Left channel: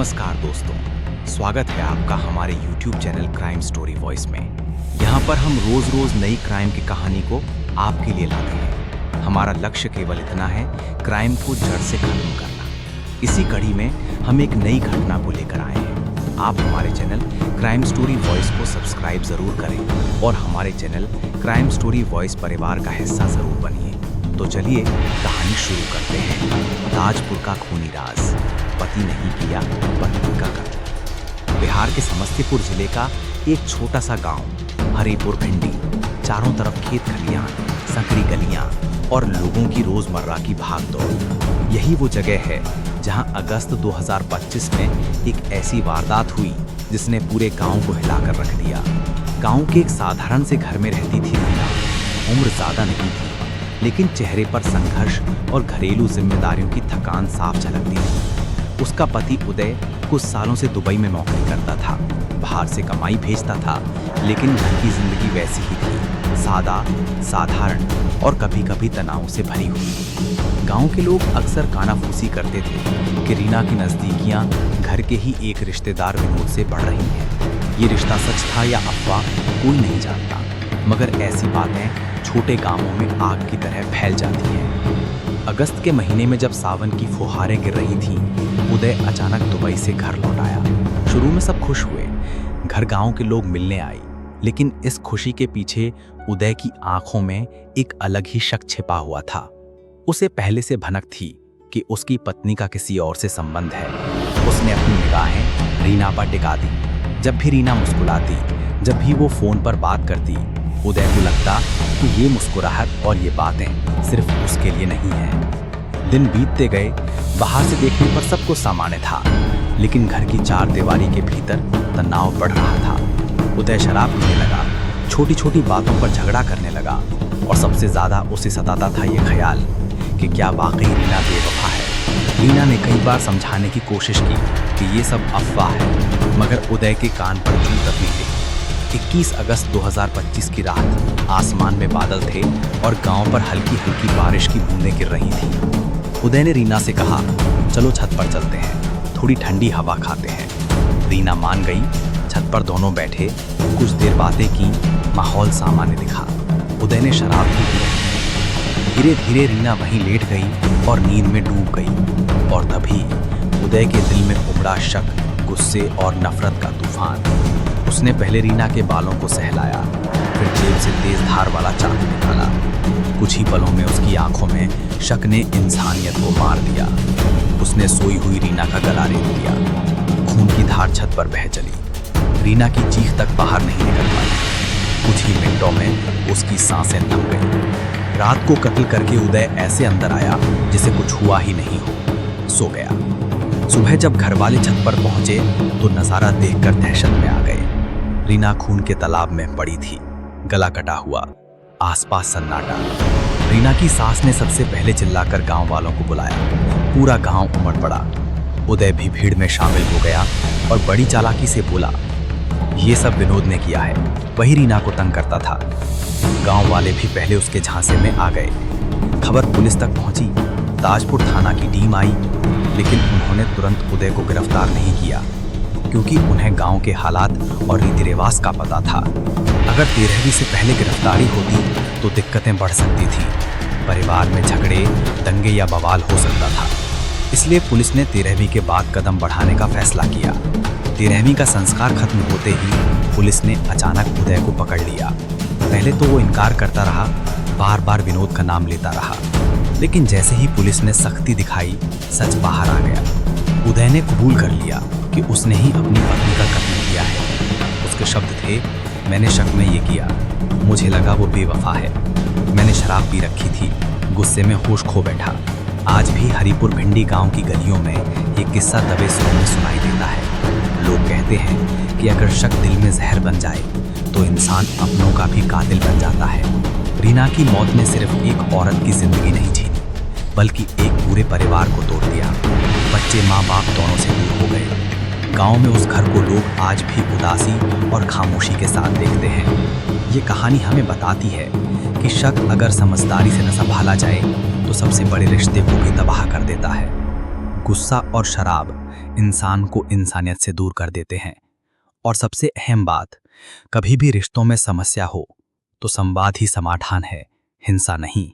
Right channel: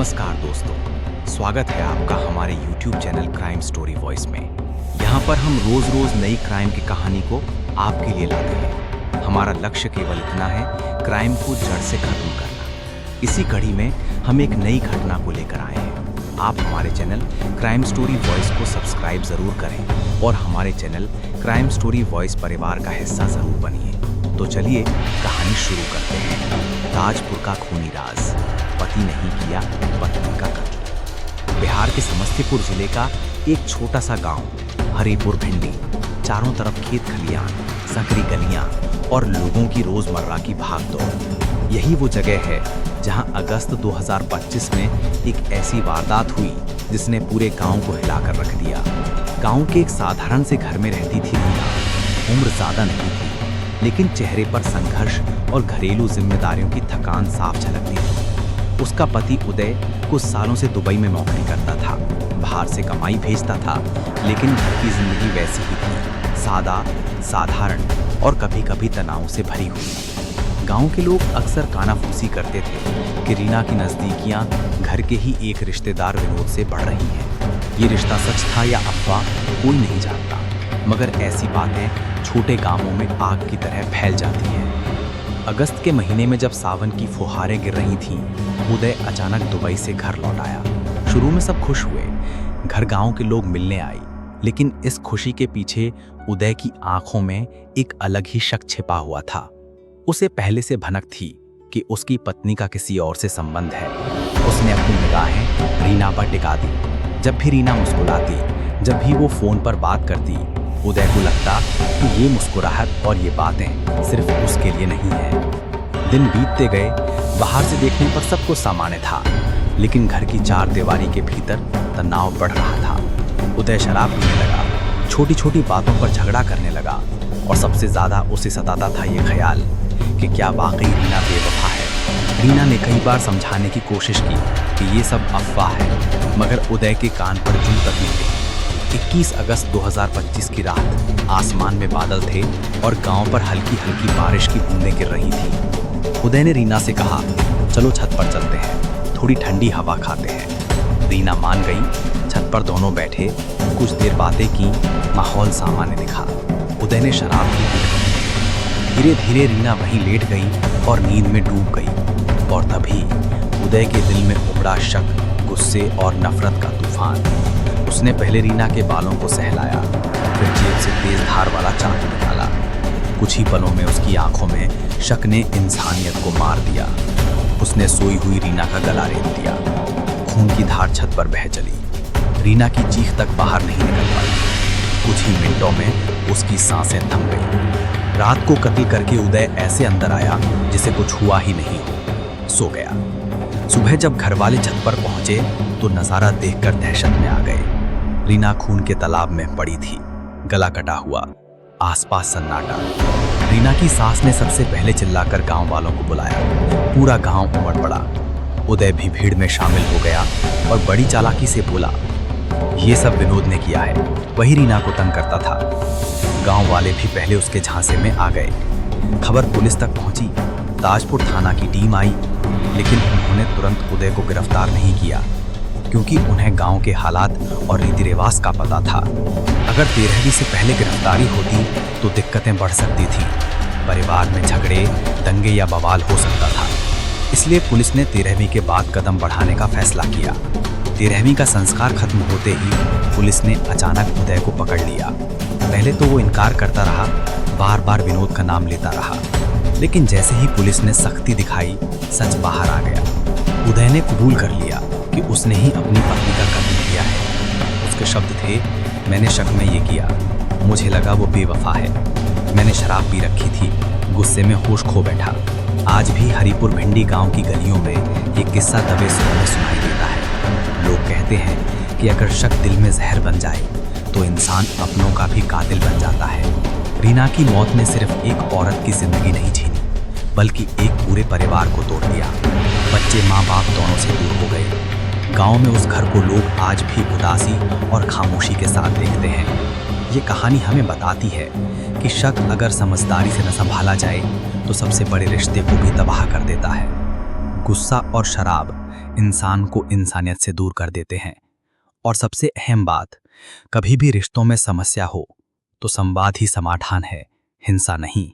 नमस्कार दोस्तों, स्वागत है आपका हमारे YouTube channel crime story voice में। यहाँ पर हम रोज नई क्राइम की कहानी को आपके लिए लाते हैं। हमारा लक्ष्य केवल इतना है, क्राइम को जड़ से खत्म करना। इसी कड़ी में हम एक नई घटना को लेकर आए हैं। आप हमारे चैनल क्राइम स्टोरी वॉइस को सब्सक्राइब जरूर करें और हमारे चैनल क्राइम स्टोरी वॉइस परिवार का हिस्सा जरूर बनिए। तो चलिए कहानी शुरू करते हैं। ताजपुर का खूनी राज, पति नहीं किया पत्नी का कत्ल। बिहार के समस्तीपुर जिले का एक छोटा सा गांव हरिपुर भिंडी। चारों तरफ खेत खलियान, संकरी गलियां और लोगों की रोजमर्रा की भागदौड़। यही वो जगह है जहां अगस्त 2025 में एक ऐसी वारदात हुई जिसने पूरे गांव को हिलाकर रख दिया। गांव के एक साधारण से घर में रहती थी रीना। उम्र ज्यादा नहीं थी, लेकिन चेहरे पर संघर्ष और घरेलू जिम्मेदारियों की थकान साफ झलकती थी। उसका पति उदय कुछ सालों से दुबई में नौकरी करता था। बाहर से कमाई भेजता था, लेकिन घर की जिंदगी वैसी ही थी, सादा, साधारण और कभी-कभी तनाव से भरी हुई। गांव के लोग अक्सर कानाफूसी करते थे कि रीना की नजदीकियां घर के ही एक रिश्तेदार विनोद से बढ़ रही हैं। ये रिश्ता सच था या अफवाह, कोई नहीं जानता, मगर ऐसी बातें छोटे गांवों में आग की तरह फैल जाती हैं। अगस्त के महीने में जब सावन की फुहारें गिर रही थीं, उदय अचानक दुबई से घर लौट आया। शुरू में सब खुश हुए, घर गांव के लोग मिलने आए, लेकिन इस खुशी के पीछे उदय की आंखों में एक अलग ही शक छिपा हुआ था। उसे पहले से भनक थी कि उसकी पत्नी का किसी और से संबंध है। उसने अपनी निगाहें रीना पर टिका दी। जब भी रीना मुस्कुराती, जब भी वो फोन पर बात करती, उदय को लगता कि ये मुस्कुराहट और ये बातें सिर्फ उसके लिए नहीं है। दिन बीतते गए, बाहर से देखने पर सब कुछ सामान्य था, लेकिन घर की चार दीवारी के भीतर तनाव बढ़ रहा था। उदय शराब पीने लगा, छोटी छोटी बातों पर झगड़ा करने लगा, और सबसे ज्यादा उसे सताता था ये ख्याल कि क्या वाकई रीना बेवफा है। रीना ने कई बार समझाने की कोशिश की कि ये सब अफवाह है, मगर उदय के कान पर जूं तक नहीं रही। 21 अगस्त 2025 की रात आसमान में बादल थे और गांव पर हल्की हल्की बारिश की बूंदें गिर रही थीं। उदय ने रीना से कहा, चलो छत पर चलते हैं, थोड़ी ठंडी हवा खाते हैं। रीना मान गई। छत पर दोनों बैठे, कुछ देर बातें की, माहौल सामान्य दिखा। उदय ने शराब भी पी रखी। धीरे धीरे रीना वहीं लेट गई और नींद में डूब गई। और तभी उदय के दिल में उमड़ा शक, गुस्से और नफरत का तूफान। उसने पहले रीना के बालों को सहलाया, फिर जेब से तेज धार वाला चाकू निकाला। कुछ ही पलों में उसकी आंखों में शक ने इंसानियत को मार दिया। उसने सोई हुई रीना का गला रेत दिया। खून की धार छत पर बह चली। रीना की चीख तक बाहर नहीं निकल पाई। कुछ ही मिनटों में उसकी सांसें थम गईं। रात को कत्ल करके उदय ऐसे अंदर आया जिसे कुछ हुआ ही नहीं हो। सो गया। सुबह जब घर वाले छत पर पहुंचे तो नजारा देखकर दहशत में आ गए। रीना खून के तालाब में पड़ी थी, गला कटा हुआ, आसपास सन्नाटा। रीना की सास ने सबसे पहले चिल्लाकर गांव वालों को बुलाया। पूरा गांव उमड़ पड़ा। उदय भी भीड़ में शामिल हो गया और बड़ी चालाकी से बोला, ये सब विनोद ने किया है, वही रीना को तंग करता था। गांव वाले भी पहले उसके झांसे में आ गए। खबर पुलिस तक पहुंची। ताजपुर थाना की टीम आई, लेकिन उन्होंने तुरंत उदय को गिरफ्तार नहीं किया, क्योंकि उन्हें गांव के हालात और रीति रिवाज का पता था। अगर 13वीं से पहले गिरफ्तारी होती तो दिक्कतें बढ़ सकती थी। परिवार में झगड़े, दंगे या बवाल हो सकता था। इसलिए पुलिस ने 13वीं के बाद कदम बढ़ाने का फैसला किया। 13वीं का संस्कार खत्म होते ही पुलिस ने अचानक उदय को पकड़ लिया। पहले तो वो इनकार करता रहा, बार बार विनोद का नाम लेता रहा, लेकिन जैसे ही पुलिस ने सख्ती दिखाई, सच बाहर आ गया। उदय ने कबूल कर लिया कि उसने ही अपनी पत्नी का कत्ल किया है। उसके शब्द थे, मैंने शक में ये किया, मुझे लगा वो बेवफा है। मैंने शराब पी रखी थी, गुस्से में होश खो बैठा। आज भी हरिपुर भिंडी गांव की गलियों में ये किस्सा दबे सुरों में सुनाई देता है। लोग कहते हैं कि अगर शक दिल में जहर बन जाए तो इंसान अपनों का भी कातिल बन जाता है। रीना की मौत ने सिर्फ एक औरत की जिंदगी नहीं छीनी, बल्कि एक पूरे परिवार को तोड़ दिया। बच्चे माँ बाप दोनों से दूर हो गए। गांव में उस घर को लोग आज भी उदासी और खामोशी के साथ देखते हैं। ये कहानी हमें बताती है कि शक अगर समझदारी से न संभाला जाए तो सबसे बड़े रिश्ते को भी तबाह कर देता है। गुस्सा और शराब इंसान को इंसानियत से दूर कर देते हैं। और सबसे अहम बात, कभी भी रिश्तों में समस्या हो तो संवाद ही समाधान है, हिंसा नहीं।